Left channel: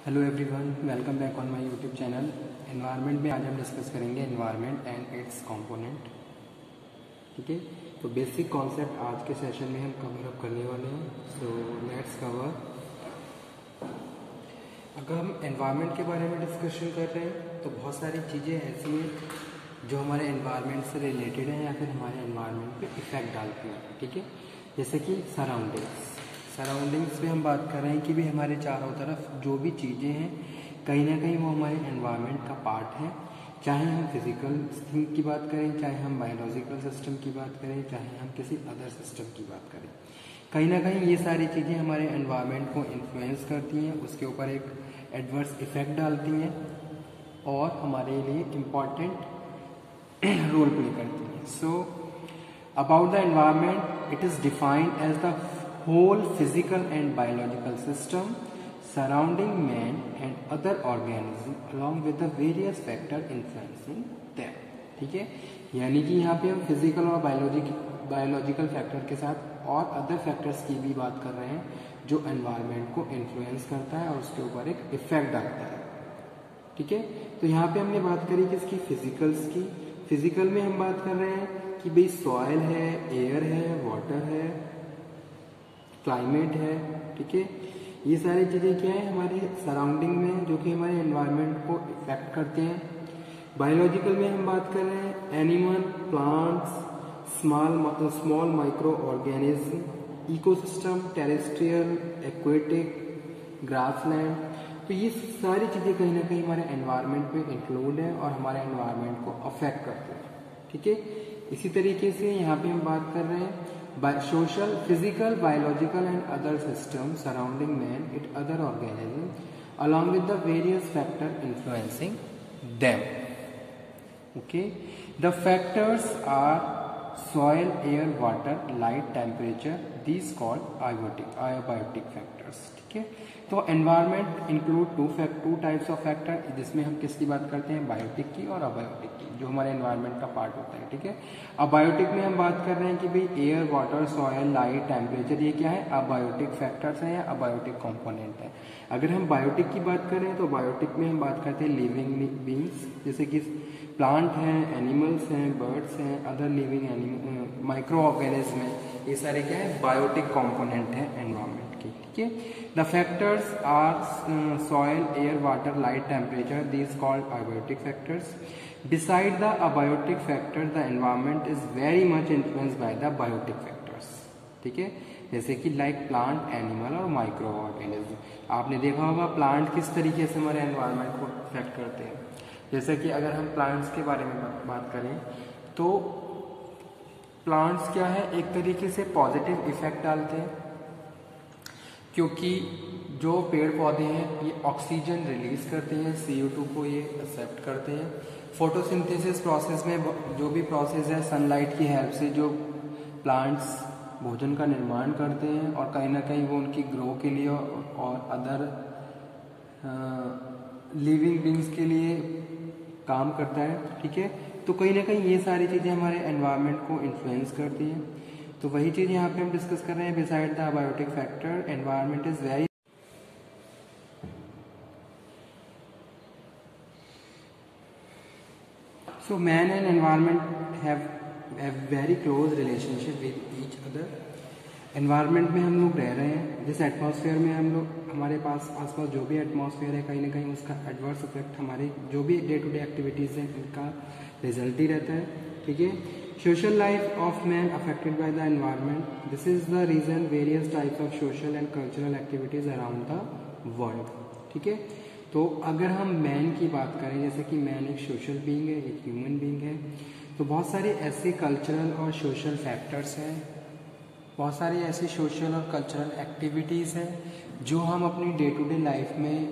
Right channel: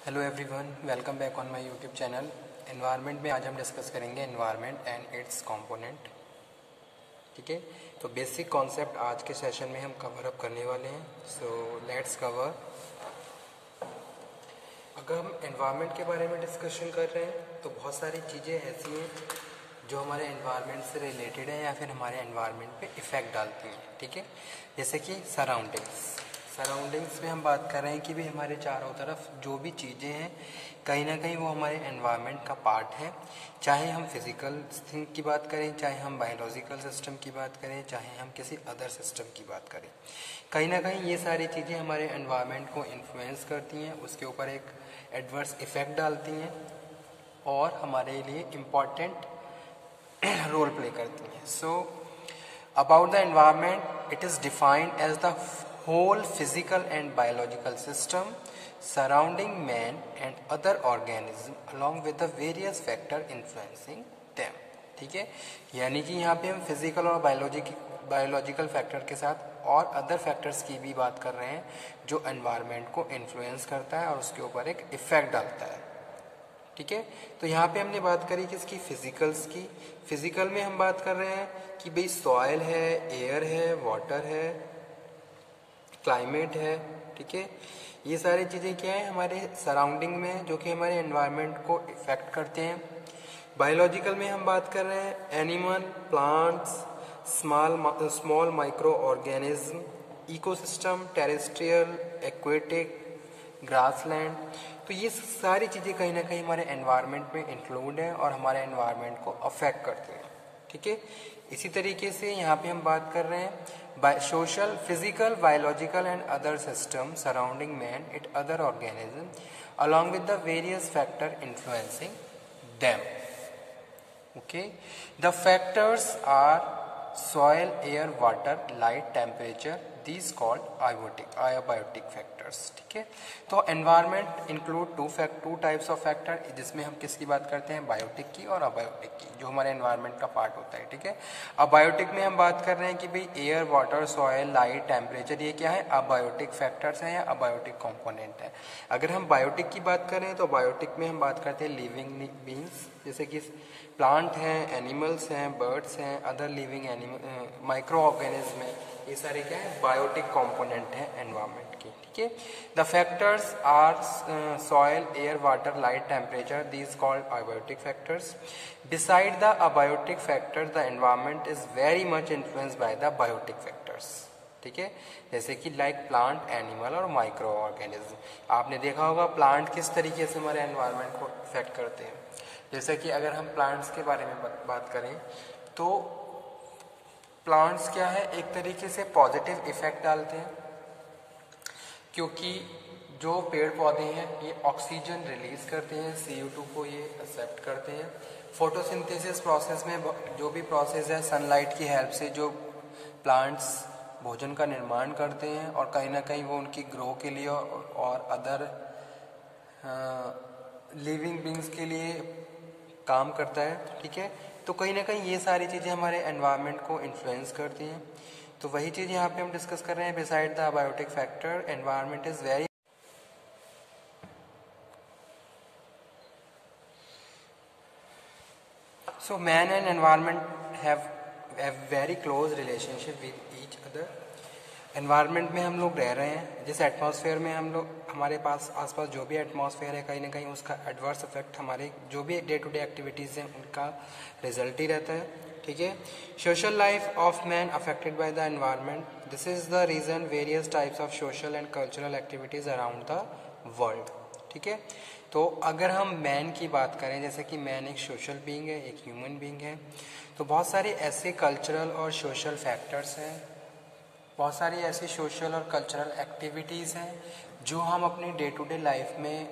Hello everyone, welcome back on my YouTube channel. Environment में आज हम डिस्कस करेंगे एनवायरनमेंट एंड इट्स कंपोनेंट। ठीक है, तो बेसिक कॉन्सेप्ट आज के सेशन में हम कवर अप करने वाले हैं। So let's cover. अगर हम एनवायरनमेंट के बारे में डिस्कशन कर रहे हैं तो बहुत सारी चीज़ें ऐसी हैं जो हमारे एनवायरनमेंट से रिलेटेड है या फिर हमारे एनवायरनमेंट पे इफ़ेक्ट डालती हैं। ठीक है, जैसे कि सराउंडिंग्स में हम बात कर रहे हैं कि भी हमारे चारों तरफ जो भी चीज़ें हैं कहीं ना कहीं वो हमारे एनवायरनमेंट का पार्ट है। चाहे हम फिजिकल थिंग की बात करें, चाहे हम बायोलॉजिकल सिस्टम की बात करें, चाहे हम किसी अदर सिस्टम की बात करें, कहीं ना कहीं ये सारी चीज़ें हमारे एनवायरनमेंट को इन्फ्लुएंस करती हैं, उसके ऊपर एक एडवर्स इफेक्ट डालती हैं और हमारे लिए इम्पॉर्टेंट रोल प्ले करती हैं। So about the environment, it is defined as the whole physical and biological system surrounding man and other organisms along with the various factor influencing them। ठीक है, यानी कि यहाँ पे हम फिजिकल और बायोलॉजिकल फैक्टर के साथ और अदर फैक्टर्स की भी बात कर रहे हैं जो एनवायरनमेंट को इन्फ्लुएंस करता है और उसके ऊपर एक इफेक्ट डालता है। ठीक है, तो यहाँ पे हमने बात करी किसकी, फिजिकल्स की। फिजिकल में हम बात कर रहे हैं कि भाई सॉइल है, एयर है, वाटर है, क्लाइमेट है। ठीक है, ये सारी चीज़ें क्या है हमारे सराउंडिंग में जो कि हमारे एनवायरनमेंट को इफेक्ट करते हैं। बायोलॉजिकल में हम बात कर रहे हैं animal, plants, small micro organism, ecosystem, terrestrial, aquatic, grassland. तो ये सारी चीज़ें कहीं ना कहीं हमारे एनवायरनमेंट में इंक्लूड है और हमारे एनवायरनमेंट को अफेक्ट करते हैं। ठीक है, इसी तरीके से यहाँ पे हम बात कर रहे हैं social, physical, biological and other system surrounding man it other organism along with the various factor influencing them. Okay, the factors are soil, air, water, light, temperature, these called abiotic factors। ठीक है, तो environment include two types of factor, जिसमें हम किसकी बात करते हैं, biotic की और अबायोटिक की, जो हमारे एनवायरनमेंट का पार्ट होता है। ठीक है, अबायोटिक में हम बात कर रहे हैं कि भाई air, water, soil, light, temperature, ये क्या है, अबायोटिक फैक्टर्स हैं या अबायोटिक कंपोनेंट है। अगर हम बायोटिक की बात करें तो बायोटिक में हम बात करते हैं लिविंग बींग्स, जैसे कि प्लांट हैं, एनिमल्स हैं, बर्ड्स हैं, other living animal, micro organism है, ये सारे क्या है, बायोटिक कंपोनेंट है एनवायरनमेंट की। ठीक है, the factors are soil, air, water, light, temperature, these called abiotic factors. Beside the abiotic factors the environment is very much influenced by the biotic factors. ठीक है, जैसे कि लाइक प्लांट, एनिमल और microorganism. आपने देखा होगा plant किस तरीके से हमारे एनवायरनमेंट को अफेक्ट करते हैं। जैसे कि अगर हम प्लांट्स के बारे में बात करें तो प्लांट्स क्या है, एक तरीके से पॉजिटिव इफेक्ट डालते हैं, क्योंकि जो पेड़ पौधे हैं ये ऑक्सीजन रिलीज करते हैं, CO2 को ये एक्सेप्ट करते हैं। फोटोसिंथेसिस प्रोसेस में जो भी प्रोसेस है, सनलाइट की हेल्प से जो प्लांट्स भोजन का निर्माण करते हैं और कहीं ना कहीं वो उनकी ग्रो के लिए और अदर लिविंग बींग्स के लिए काम करता है। ठीक है, तो कहीं ना कहीं ये सारी चीज़ें हमारे एनवायरनमेंट को इन्फ्लुएंस करती हैं। तो वही चीज़ यहाँ पे हम डिस्कस कर रहे हैं। Beside the biotic factor environment is very so man and environment have very close relationship with each other. Environment में हम लोग रह रहे हैं, जिस एटमॉस्फेयर में हम लोग, हमारे पास आसपास जो भी एटमॉस्फेयर है कहीं ना कहीं उसका एडवर्स इफेक्ट हमारे जो भी डे टू डे एक्टिविटीज़ हैं उनका रिजल्ट ही रहता है। ठीक है, social life of man affected by the environment, this is the reason various types of social and cultural activities around the world. ठीक है, तो अगर हम मैन की बात करें, जैसे कि मैन एक सोशल बीइंग है, एक ह्यूमन बीइंग है, तो बहुत सारे ऐसे कल्चरल और सोशल फैक्टर्स हैं, बहुत सारी ऐसी सोशल और कल्चरल एक्टिविटीज़ हैं जो हम अपनी डे टू डे लाइफ में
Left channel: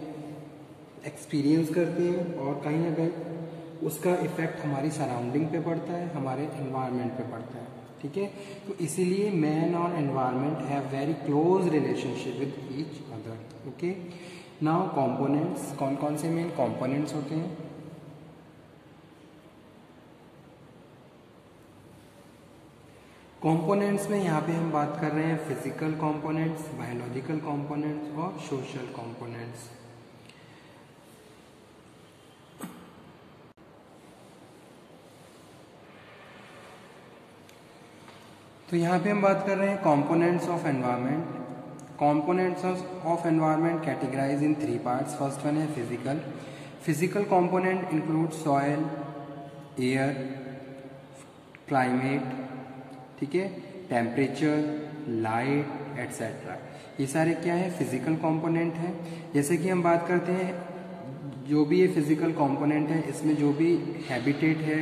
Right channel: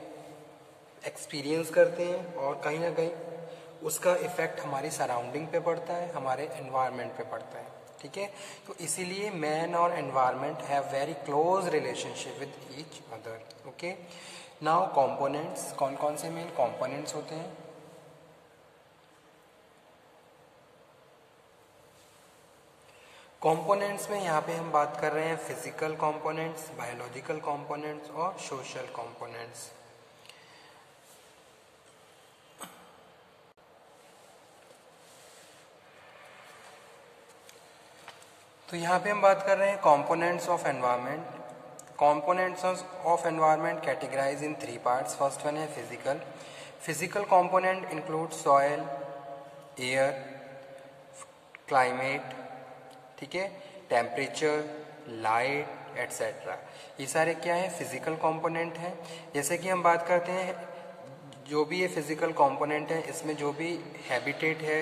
एक्सपीरियंस करते हैं और कहीं ना कहीं उसका इफ़ेक्ट हमारी सराउंडिंग पे पड़ता है, हमारे एनवायरनमेंट पे पड़ता है। ठीक है, तो इसीलिए मैन और environment have very close relationship with each other. Okay, now components, कौन कौन से मेन कंपोनेंट्स होते हैं। कंपोनेंट्स में यहाँ पे हम बात कर रहे हैं फिजिकल कंपोनेंट्स, बायोलॉजिकल कंपोनेंट्स और सोशल कंपोनेंट्स। तो यहाँ पे हम बात कर रहे हैं components of environment. Components of environment categorise in 3 parts. First one है physical. Physical component include soil, air, climate, ठीक है, टेम्परेचर, लाइट एट्सेट्रा। ये सारे क्या है, फिजिकल कंपोनेंट हैं। जैसे कि हम बात करते हैं जो भी ये फिजिकल कंपोनेंट है, इसमें जो भी हैबिटेट है,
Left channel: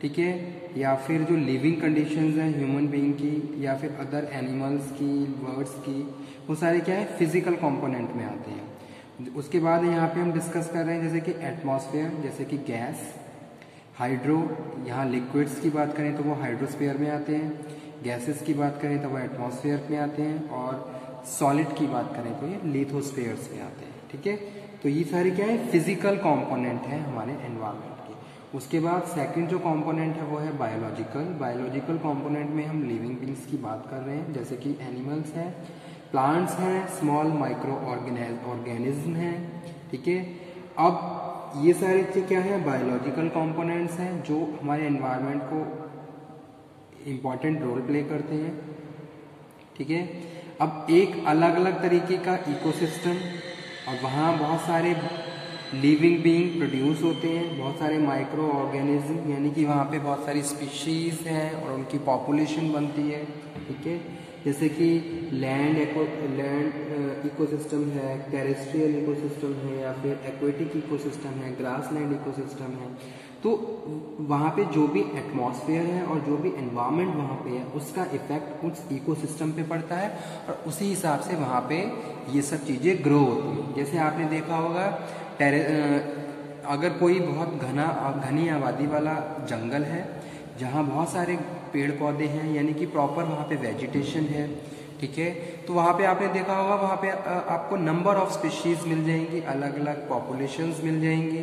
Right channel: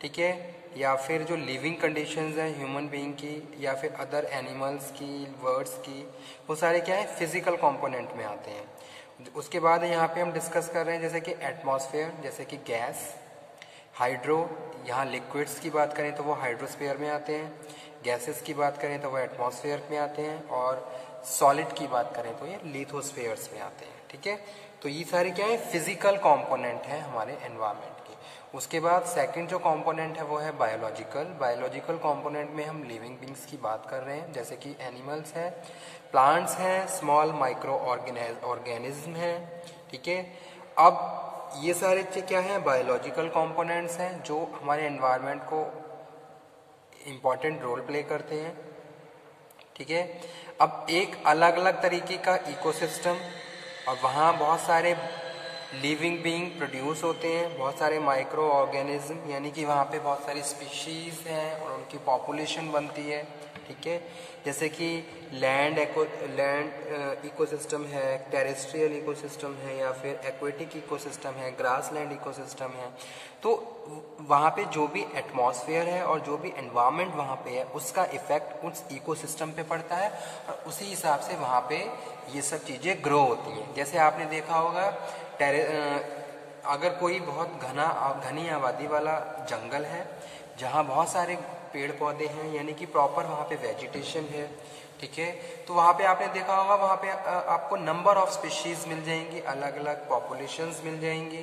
ठीक है, या फिर जो लिविंग कंडीशंस हैं ह्यूमन बीइंग की या फिर अदर एनिमल्स की, बर्ड्स की, वो सारे क्या है, फिजिकल कंपोनेंट में आते हैं। उसके बाद यहाँ पे हम डिस्कस कर रहे हैं जैसे कि एटमॉस्फेयर, जैसे कि गैस, हाइड्रो, यहाँ लिक्विड्स की बात करें तो वो हाइड्रोस्फीयर में आते हैं, गैसेस की बात करें तो वो एटमॉस्फेयर में आते हैं, और सॉलिड की बात करें तो ये लिथोस्फीयर्स में आते हैं, ठीक है। तो ये सारे क्या है, फिजिकल कंपोनेंट हैं हमारे एनवायरनमेंट के। उसके बाद सेकंड जो कंपोनेंट है वो है बायोलॉजिकल। बायोलॉजिकल कंपोनेंट में हम लिविंग बींग्स की बात कर रहे हैं, जैसे कि एनिमल्स हैं, प्लांट्स हैं, स्मॉल माइक्रो ऑर्गेनिज्म हैं, ठीक है। अब ये सारे क्या हैं, बायोलॉजिकल कंपोनेंट्स हैं जो हमारे एनवायरनमेंट को इम्पॉर्टेंट रोल प्ले करते हैं, ठीक है। अब एक अलग अलग तरीके का इकोसिस्टम, और वहाँ बहुत सारे लिविंग बीइंग प्रोड्यूस होते हैं, बहुत सारे माइक्रो ऑर्गेनिज्म, यानी कि वहाँ पे बहुत सारी स्पीशीज हैं और उनकी पॉपुलेशन बनती है, ठीक है। जैसे कि लैंड इकोसिस्टम है, टेरेस्ट्रियल इकोसिस्टम है, या फिर एक्वेटिक इकोसिस्टम है, ग्रास लैंड इकोसिस्टम है। तो वहाँ पे जो भी एटमॉस्फेयर है और जो भी एनवायरनमेंट वहाँ पे है, उसका इफेक्ट उस इकोसिस्टम पे पड़ता है, और उसी हिसाब से वहाँ पे ये सब चीज़ें ग्रो होती हैं। जैसे आपने देखा होगा अगर कोई बहुत घनी आबादी वाला जंगल है जहाँ बहुत सारे पेड़ पौधे हैं, यानी कि प्रॉपर वहाँ पे वेजिटेशन है, ठीक है, तो वहाँ पे आपने देखा होगा वहाँ पे आपको नंबर ऑफ स्पीशीज मिल जाएंगी, अलग अलग पॉपुलेशंस मिल जाएंगी,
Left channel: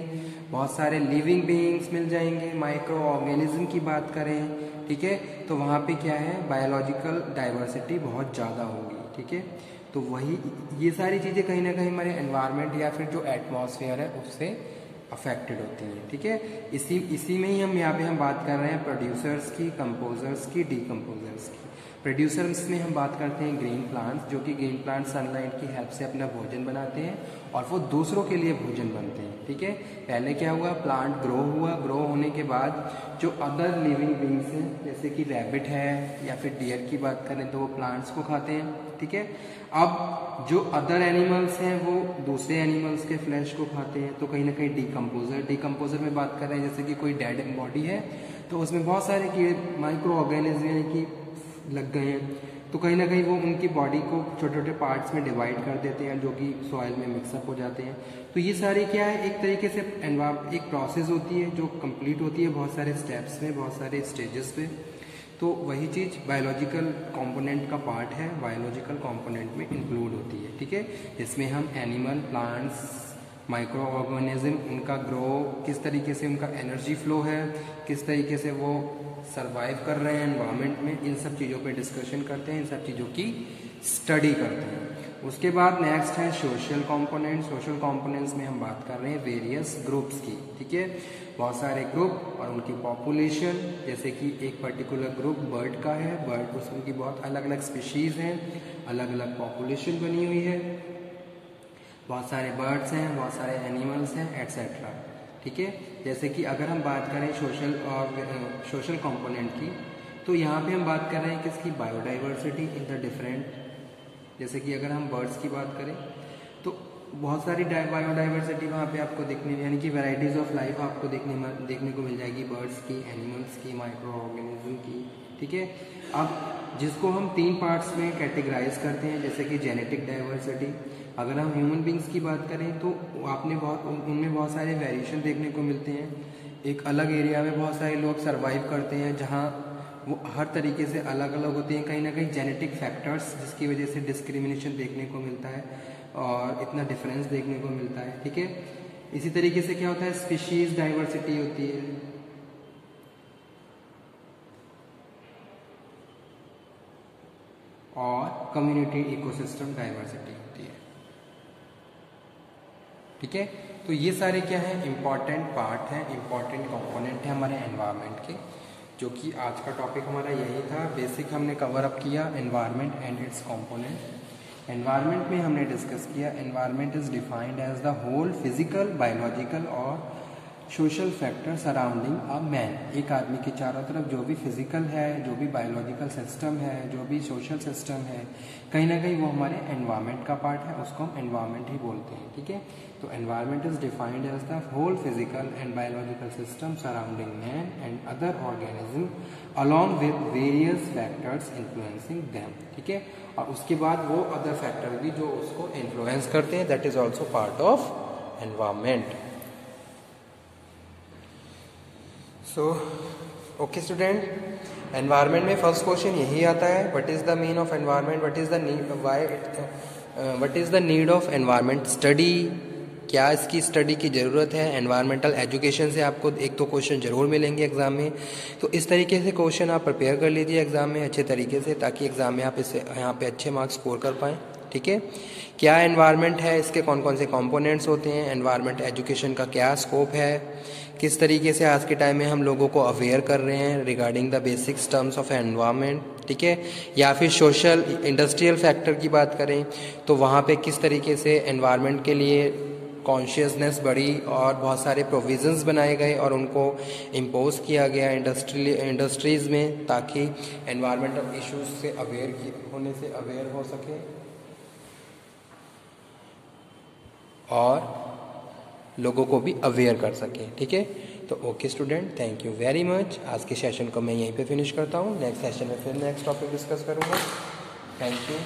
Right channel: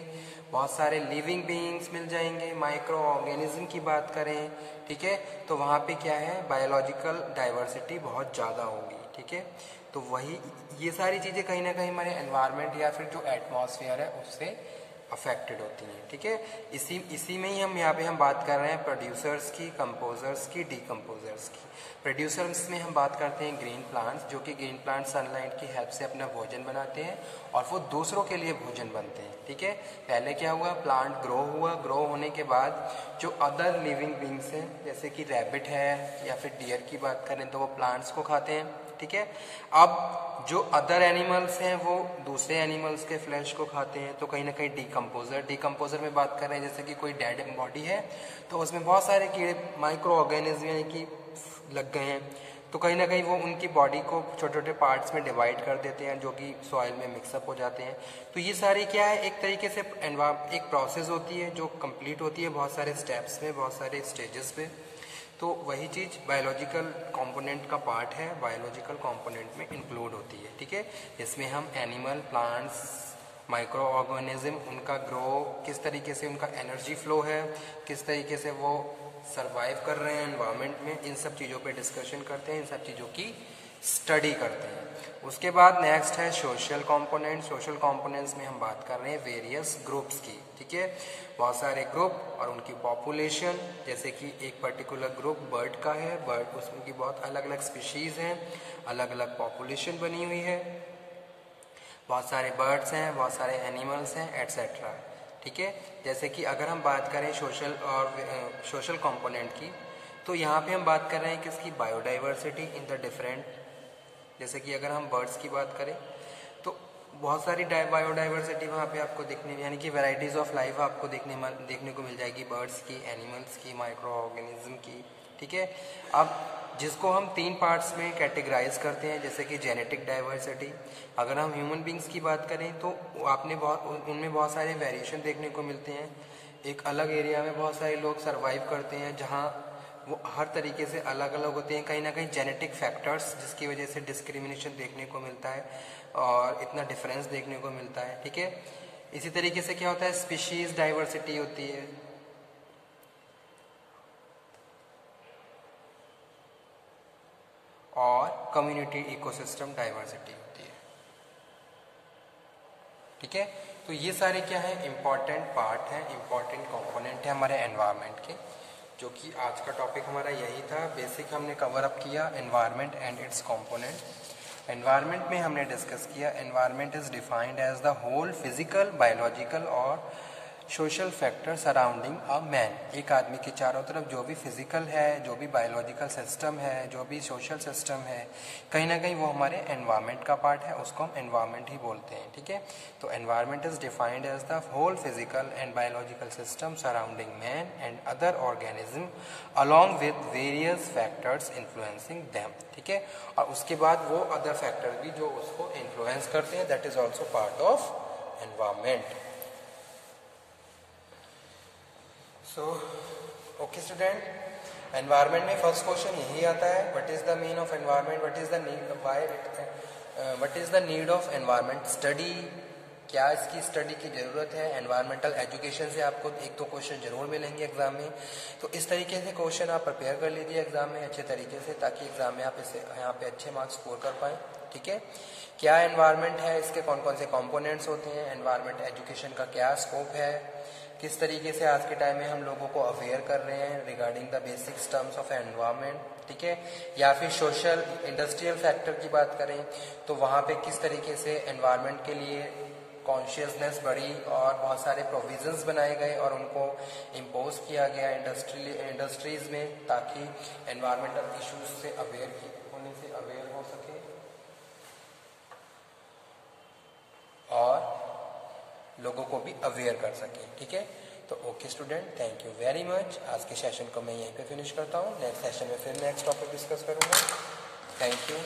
बहुत सारे लिविंग बीइंग्स मिल जाएंगे। माइक्रो ऑर्गेनिज्म की बात करें, ठीक है, तो वहाँ पे क्या है, बायोलॉजिकल डाइवर्सिटी बहुत ज़्यादा होगी, ठीक है। तो वही ये सारी चीज़ें कहीं ना कहीं हमारे एनवायरनमेंट या फिर जो एटमॉस्फेयर है उससे अफेक्टेड होती हैं, ठीक है। इसी में ही हम यहाँ पे हम बात कर रहे हैं प्रोड्यूसर्स की, कंपोजर्स की, डीकम्पोजर्स की। प्रोड्यूसर्स में हम बात करते हैं ग्रीन प्लांट्स, जो कि ग्रीन प्लांट सनलाइट की हेल्प से अपना भोजन बनाते हैं और वो दूसरों के लिए भोजन बनते हैं, ठीक है। पहले क्या हुआ, प्लांट ग्रो हुआ, ग्रो होने के बाद जो अदर लिविंग बींग्स हैं, जैसे कि रैबिट है या फिर डियर की बात करें तो वो प्लांट्स को खाते हैं, ठीक है। अब जो अदर एनिमल्स हैं वो दूसरे एनिमल्स के फ्लैश को खाते हैं, तो कहीं ना कहीं डीकम्पोजर में बात कर रहे हैं, जैसे कि कोई डेड बॉडी है तो उसमें बहुत सारे कीड़े, माइक्रो ऑर्गेनिज्म यानी कि लग गए हैं, तो कहीं ना कहीं वो उनकी बॉडी को छोटे छोटे पार्ट्स में डिवाइड कर देते हैं, जो कि सॉइल में मिक्सअप हो जाते हैं। तो ये सारी क्या है, एक तरीके से एक प्रोसेस होती है जो कंप्लीट होती है बहुत सारे स्टेप्स में, बहुत सारे स्टेजेस पे। तो वही चीज़ बायोलॉजिकल कंपोनेंट का पार्ट है, बायोलॉजिकल कंपोनेंट में इंक्लूड होती है, ठीक है। इसमें हम एनिमल, प्लांट्स, माइक्रो ऑर्गेनिज्म, उनका ग्रो किस तरीके से, उनका एनर्जी फ्लो है, किस तरीके से वो सरवाइव कर रहे हैं एनवायरनमेंट में, इन सब चीज़ों पे डिस्कशन करते हैं, इन सब चीज़ों की स्टडी करते हैं। उसके बाद नेक्स्ट है सोशल कंपोनेंट। सोशल कंपोनेंट्स में हम बात कर रहे हैं वेरियस ग्रुप्स की, ठीक है, बहुत सारे ग्रुप और उनकी पॉपुलेशन। जैसे कि एक पर्टिकुलर ग्रुप बर्ड का है, बर्ड उसमें की बहुत अलग अलग स्पीशीज़ हैं, अलग अलग पॉपुलेशन बनी हुई है, बहुत सारे बर्ड्स हैं, बहुत सारे एनिमल्स हैं एट्सेट्रा, ठीक है। जैसे कि अगर हम बात करें सोशल कंपोनेंट की, तो यहाँ पे हम बात कर रहे हैं किसकी, बायोडाइवर्सिटी इन द डिफरेंट। जैसे कि अगर हम बर्ड्स की बात करें तो बहुत सारी बायोडाइवर्सिटी वहाँ पे आपको देखने, यानी कि वैरायटीज ऑफ लाइफ आपको देखने को मिल जाएगी, बर्ड्स की, एनिमल्स की, माइक्रो ऑर्गेनिज्म की, ठीक है। अब जिसको हम 3 पार्ट्स में कैटेगराइज करते हैं, जैसे कि जेनेटिक डाइवर्सिटी। अगर हम ह्यूमन बींग्स की बात करें तो उनमें बहुत सारे वेरिएशन देखने को मिलते हैं। एक अलग एरिया में बहुत सारे लोग सर्वाइव करते हैं जहाँ वो हर तरीके से अलग अलग होते हैं, कहीं ना कहीं जेनेटिक फैक्टर्स जिसकी वजह से डिस्क्रिमिनेशन देखने को मिलता है और इतना डिफरेंस देखने को मिलता है, ठीक है। इसी तरीके से क्या होता है, स्पीशीज डाइवर्सिटी होती है, और कम्युनिटी इकोसिस्टम डाइवर्सिटी होती है, ठीक है। तो ये सारे क्या है, इंपॉर्टेंट पार्ट हैं, इंपॉर्टेंट कंपोनेंट है हमारे एनवायरनमेंट के, जो कि आज का टॉपिक हमारा यही था। बेसिक हमने कवर अप किया environment and its component. Environment में हमने डिस्कस किया environment is defined as the whole physical, biological और social factor surrounding a man. एक आदमी के चारों तरफ जो भी फिजिकल है, जो भी बायोलॉजिकल सिस्टम है, जो भी सोशल सिस्टम है, कहीं ना कहीं वो हमारे एनवायरनमेंट का पार्ट है, उसको हम एनवायरनमेंट ही बोलते हैं। ठीक है, तो environment is defined as the whole physical and biological system surrounding man and other organism along with various factors influencing them. ठीक है, और उसके बाद वो अदर फैक्टर भी जो उसको इन्फ्लुएंस करते हैं, that is also part of environment. So okay student, environment में फर्स्ट क्वेश्चन यही आता है, what is the mean of environment, what is the need, what is the need of environment study, क्या इसकी स्टडी की ज़रूरत है। एनवायरमेंटल एजुकेशन से आपको एक तो क्वेश्चन जरूर मिलेंगे एग्जाम में, तो इस तरीके से क्वेश्चन आप प्रिपेयर कर लीजिए एग्जाम में अच्छे तरीके से, ताकि एग्जाम में आप इसे यहाँ पे अच्छे मार्क्स स्कोर कर पाएँ। ठीक है, क्या एनवायरनमेंट है, इसके कौन कौन से कंपोनेंट्स होते हैं, एनवायरनमेंट एजुकेशन का क्या स्कोप है, किस तरीके से आज के टाइम में हम लोगों को अवेयर कर रहे हैं regarding the basic terms of environment. ठीक है, या फिर सोशल इंडस्ट्रियल फैक्टर की बात करें तो वहाँ पे किस तरीके से एनवायरनमेंट के लिए कॉन्शियसनेस बढ़ी और बहुत सारे प्रोविजंस बनाए गए और उनको इम्पोज किया गया इंडस्ट्रीज़ में, ताकि एनवायरमेंटल इश्यूज से अवेयर हो सके और लोगों को भी अवेयर कर सके। ठीक है, तो okay student, thank you very much. आज के सेशन को मैं यहीं पे फिनिश करता हूँ, नेक्स्ट सेशन में फिर नेक्स्ट टॉपिक डिस्कस करूँगा। Thank you.